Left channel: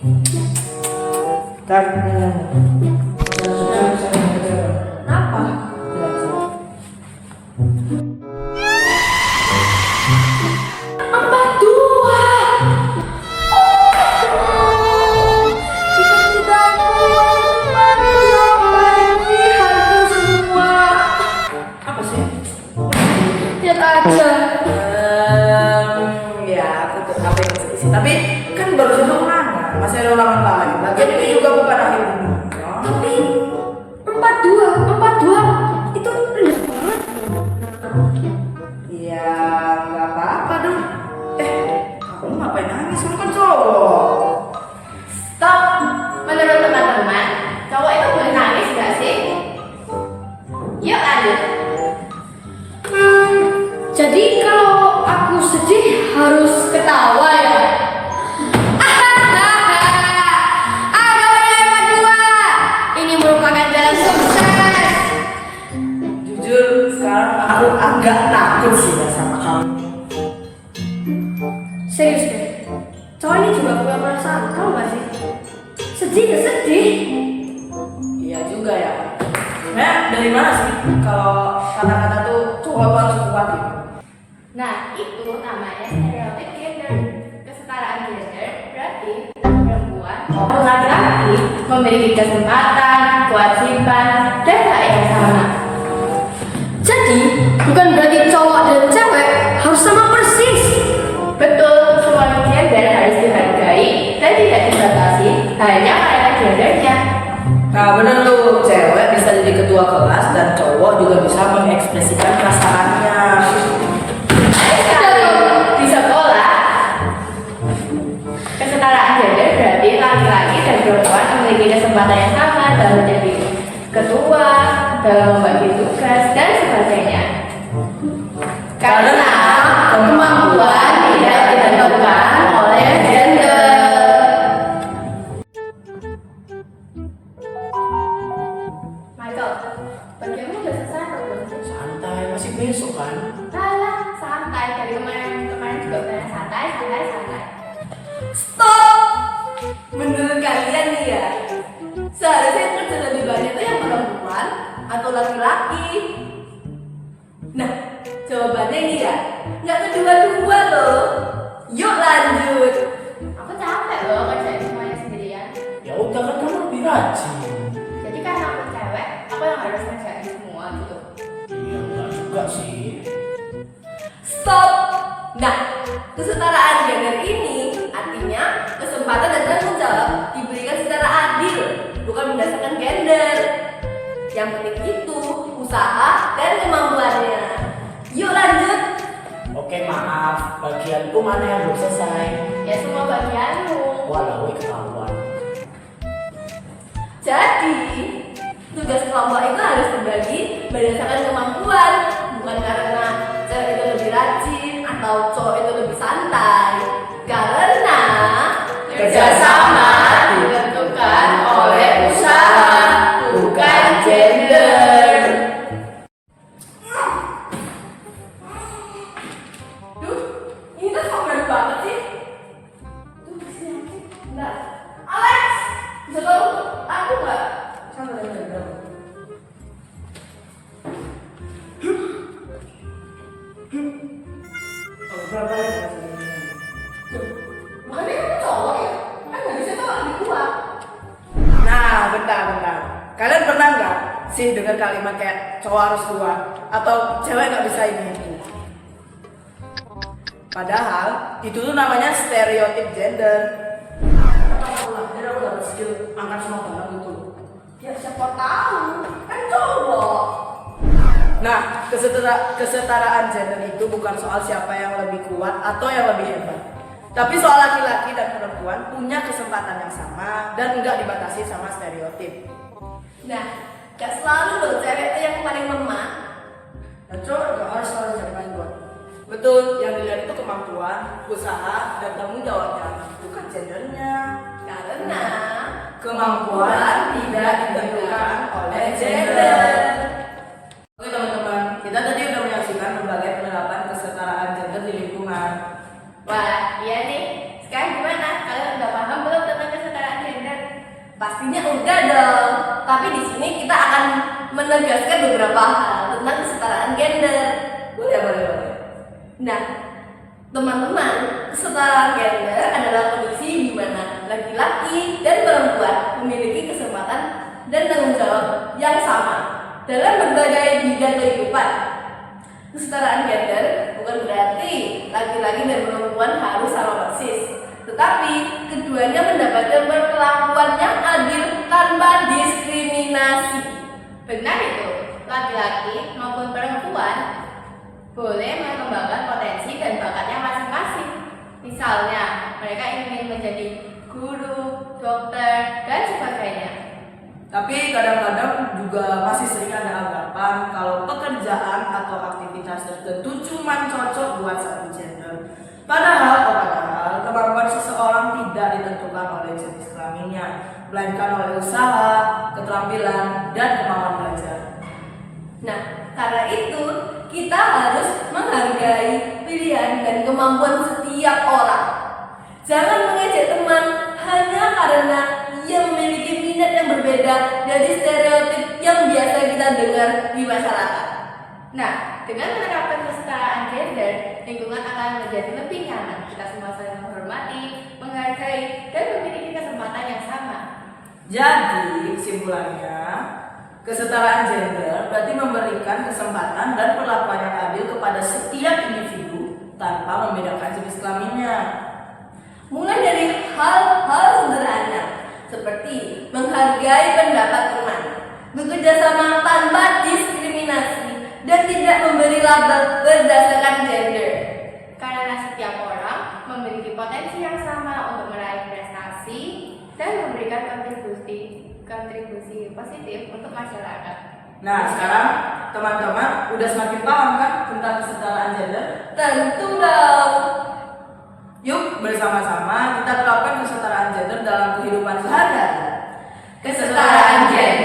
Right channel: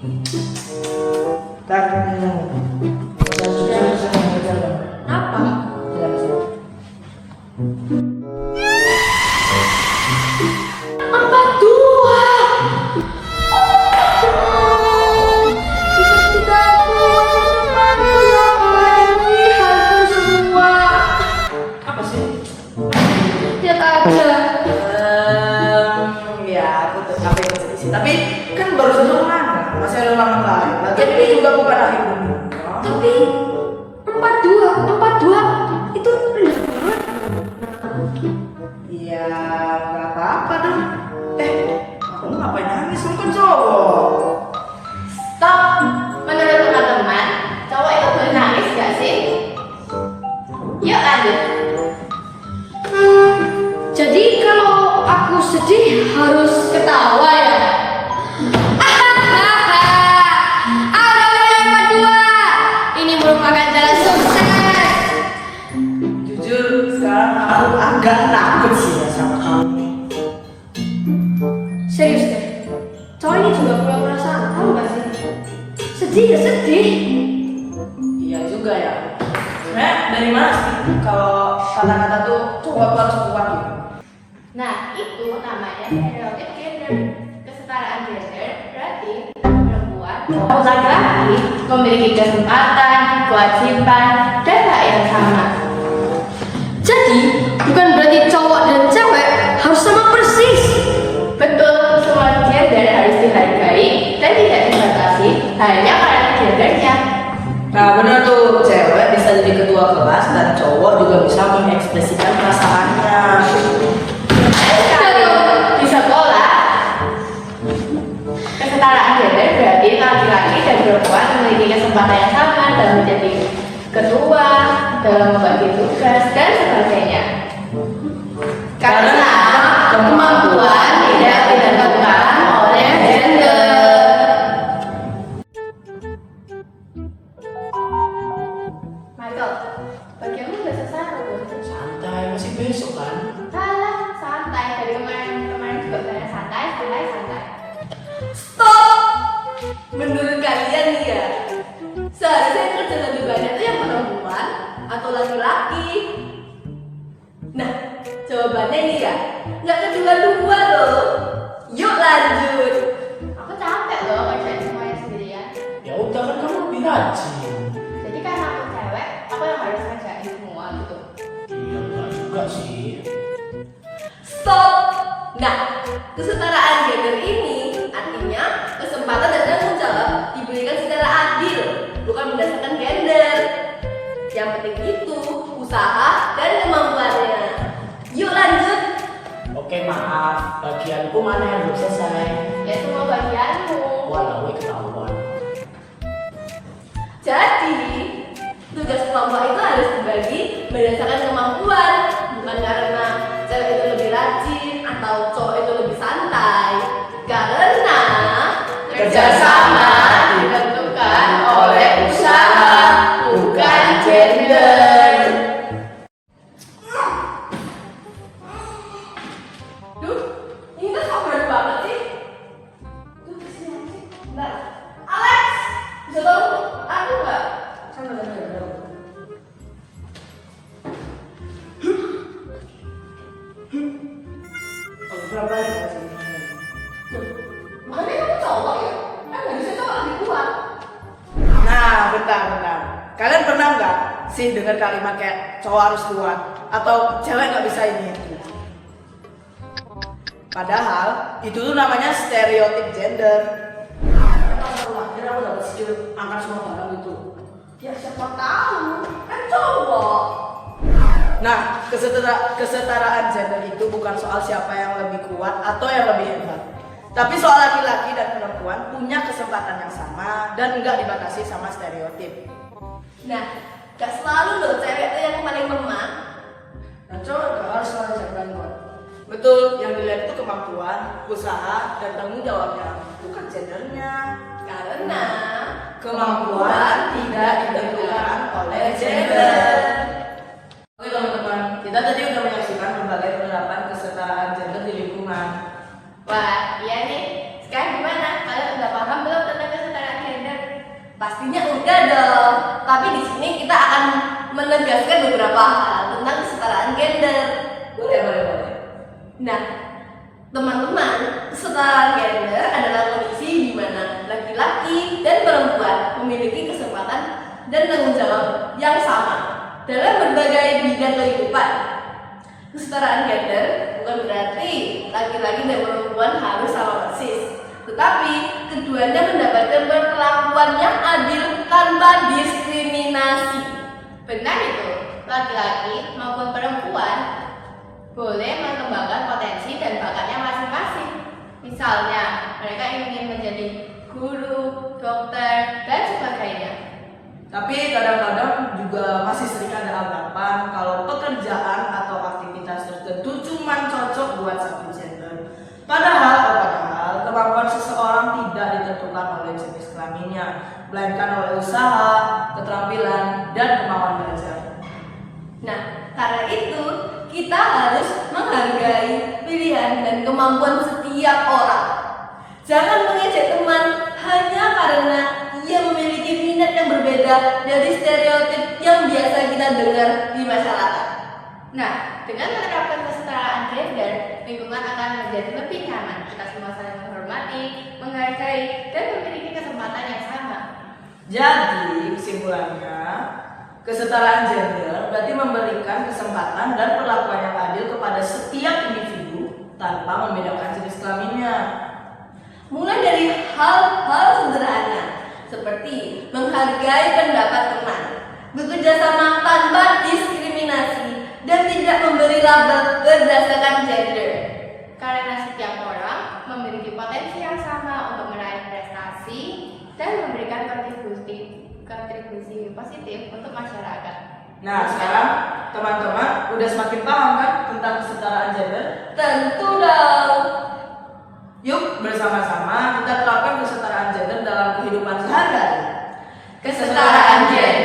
Apa? Empat dua. Tidak kuat ini hantu semua. Apa sih? Lihat aja. Ya aku tuh apa yang sih? Tapi kan baru saja ulangan, masih ada ulangan lain. Lagian ini juga bukan akhir dunia. Tapi empat dua itu rendah banget. Iya, nggak apa-apa dong. Kamu ngapain nangis? Lu kan cowok. Stop. Menurut teman-teman, cowok itu boleh nangis gak sih? Yuk lanjut. Jadi kalau aku sedih harus ketawa ya? Aduh yang kedua, ini merupakan jalan sukses. Jujur, sekarang aku agak takut sih ya sama kamu ini. Serius deh, cowok ini juga punya perasaan, tahu gak sih? Sedih ya sedih. Iya juga ya. Sebenarnya dari mana sih kalau kata-kata tuh cowok tuh harus kuat gitu? Nah, itu namanya stereotip gender. Kesetaraan gender berarti perempuan maupun laki-laki memiliki kesempatan, kewajiban, dan hak yang sama. Jadi bukan berarti cowok dan cewek harus sama persis. Betul, semua gender harus dihargai dan tidak dibatasi hanya karena gendernya. Nah bener tuh, cewek bisa jadi ketua kelas dan cowok juga bisa mengekspresikan perasaannya. Di sekolah, kesetaraan gender berarti laki-laki dan perempuan memiliki kesempatan yang sama dalam menjadi ketua, dalam membagi tugas, dan sebagainya. Karena kemampuan tidak ditentukan oleh gender. Michael, bagaimana udah selesai belum? Santai, masih besok kan? Salah, santai. Dari kemarin juga bilang santai. Stop. Menurut kalian nih ya, seharusnya yang kerja lebih banyak tuh yang perempuan atau laki-laki? Nah, jawabannya ini ya, nggak kedua-dua loh. Yuk lanjut. Aku capek loh kerjain semuanya sendirian. Ya udah kan kamu lebih rajin. Jadi karena aku cewek, aku yang harus ngerjain semua gitu. Iya enggak juga sih. Stop. Nah, kesetaraan gender ini artinya kesempatan dan tanggung jawab diberikan secara adil, bukan berdasarkan gender. Yang penting itu usaha dan kemampuannya. Yuk lanjut. Oke maaf, bagianku mana yang belum selesai? Ya semua bagianmu. Walau ketahuan. Jadi, tugas kelompok itu harus dibagi berdasarkan kemampuan, bukan karena cewek itu lebih rajin atau cowok itu lebih santai. Karena kerjasama ditentukan oleh usaha, bukan gender. Duh, ini tuh kok berat banget sih? Duh, kesini sih. Bentar. Alex, bisa tolong aku nggak? Bener. Berapa ya? Makanya kamu cowok ya? Kan nggak bisa cowok lebih kuat. Nah, bentar. Kalian pernah nggak sih dengar kalimat kayak cowok harus kuat atau cewek nggak bisa ini itu? Padahal itu tuh namanya stereotip gender. Akhirnya aku dapat skill angkat semua barang gitu. Ya siapa tahu, kan cowok. Nah, kesetaraan gender itu bukan soal siapa yang lebih kuat atau yang lebih hebat. Tapi soal laki-laki dan perempuan punya kesempatan yang sama dan enggak dibatasi sama stereotip. Nah, gak selalu loh cewek itu yang paling lemah. Dan cowok enggak harus selalu siapa yang kuat. Betul, yang dilihat itu kemampuan, usaha, dan tanggung jawabnya, bukan gendernya. Karena Kemampuan tidak ditentukan oleh gender. Oke teman-teman, kita tadi udah menyaksikan berbagai penerapan kesetaraan gender di lingkungan. Wah, iya nih. Sekarang gimana? Kalian udah paham belum tentang kesetaraan Pastinya udah dong. Tapi di sini kita akan menegaskan beberapa hal tentang kesetaraan gender. Boleh. Nah, teman-teman, kesetaraan gender adalah kondisi di mana laki-laki dan perempuan memiliki kesempatan dan tanggung jawab yang sama dalam berbagai bidang kehidupan. Kesetaraan gender bukan berarti laki-laki dan perempuan harus sama persis, tetapi keduanya mendapatkan perlakuan yang adil tanpa diskriminasi. Benar itu, laki-laki maupun perempuan boleh mengembangkan potensi dan bakatnya masing-masing. Misalnya, mereka ingin menjadi guru, dokter, dan sebagainya. Tapi kadang-kadang juga masih sering ada anggapan kalau pekerjaan atau aktivitas tertentu cuma cocok buat satu gender. Padahal kemampuan seseorang tidak ditentukan oleh jenis kelaminnya, melainkan oleh usaha, keterampilan, dan kemampuan belajar. Nah, karena itu kita harus menghargai pilihan dan kemampuan setiap orang. Jangan mengejek teman hanya karena ia memiliki minat yang berbeda dari stereotip yang biasa kita dengar di masyarakat. Nah, dengan menerapkan kesetaraan gender, lingkungan akan menjadi lebih nyaman. Kita semua saling menghormati, menghargai, dan memiliki kesempatan yang sama. Jadi, kesimpulannya, kesetaraan gender berarti memberikan kesempatan dan perlakuan yang adil kepada setiap individu tanpa membedakan jenis kelaminnya. Mulai dari hal-hal sederhana seperti menghargai pendapat teman, bekerja sama tanpa diskriminasi, dan tidak memberi label berdasarkan gender. Karena setiap orang memiliki potensi yang sama untuk meraih prestasi dan memberikan kontribusi positif untuk masyarakat. Nah, sekarang teman-teman udah semakin paham kan tentang kesetaraan gender? Tentu dong. Yuk bersama-sama kita terapkan kesetaraan gender dalam kehidupan sehari-hari. Kesetaraan gender